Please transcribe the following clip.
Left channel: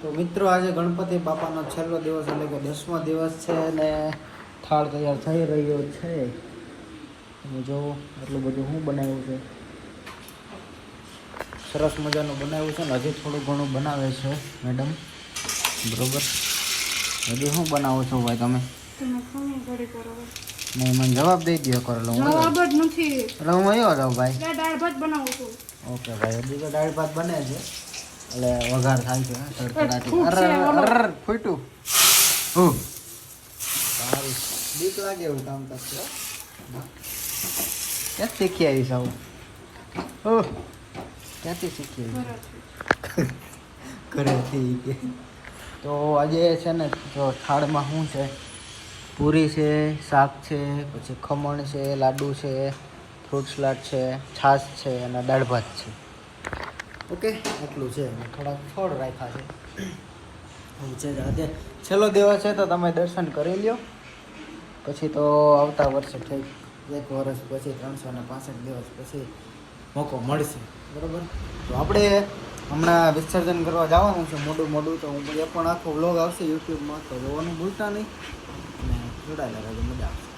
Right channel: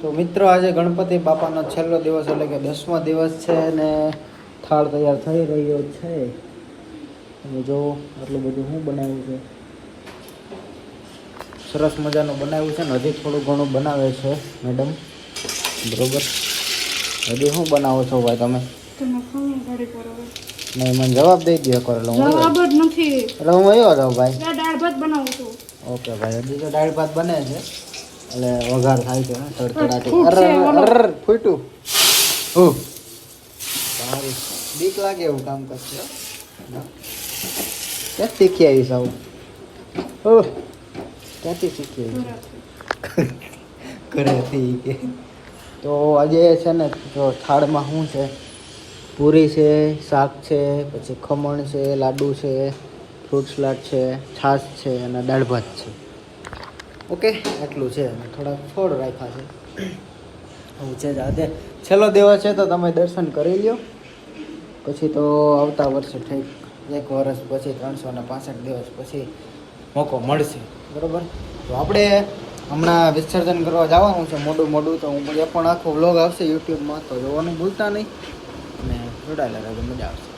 તો મિત્રો આજે ગણપતિ બાપાનો છેલ્લો દિવસ એટલે કે 10મો દિવસ છે અને થાળ તૈયાર થઈ રહ્યો છે. તમે જો આટલું બધું શું બનાવ્યું છે, સરસ મજાનું બનાવ્યું છે ને હજી થોડું ઘણું બનાવે છે મેડમ. બરોબર, હજી શું બનાવો છો ભાઈ તમે? નહીં, મને જવાબ દઈ દો કરેલો. જવાબ જ નથી એટલે હું આવ્યો જાઉં ભાઈ. દાળ ભાત બનાવું છું. ઓકે ભાઈ, હજી તો દાળ ભાત બને છે એટલે વઘાર થાય છે તડતડાટી. અરે ફૂટ્યું. બીક લાગે એવું કામ કરશે. ક્યાં શીખી આવીશ આવું? ક્યાંથી શીખી આવી? ઘરેથી કે. તો આજે છે ને, તો થાળમાં શું છે? પૂરી છે, શાક છે, પછી ખમણ છે, લાડુ છે, ફ્રૂટ સલાડ છે, છાશ છે અને દાળ ભાત છે. ઓકે, એટલું છે. થોડા છોડ રાખ્યા છે. હું છે આજે છેલ્લો દિવસ છે તો તમે દર્શન કરી લ્યો. પછી તો આવતા વર્ષે ઠીક 1 વર્ષ પછી 365 દિવસ પછી મોકો મળશે. બરાબર, તો આપણે હમણાં વિસર્જન કરવા જવાનું છે મોડું તો હું એ પણ આખો વ્લોગ આવશે યુટ્યુબમાં, તો જોવાનું ભૂલતા નહીં અને જોડાયેલા રહેજો, મજા આવશે.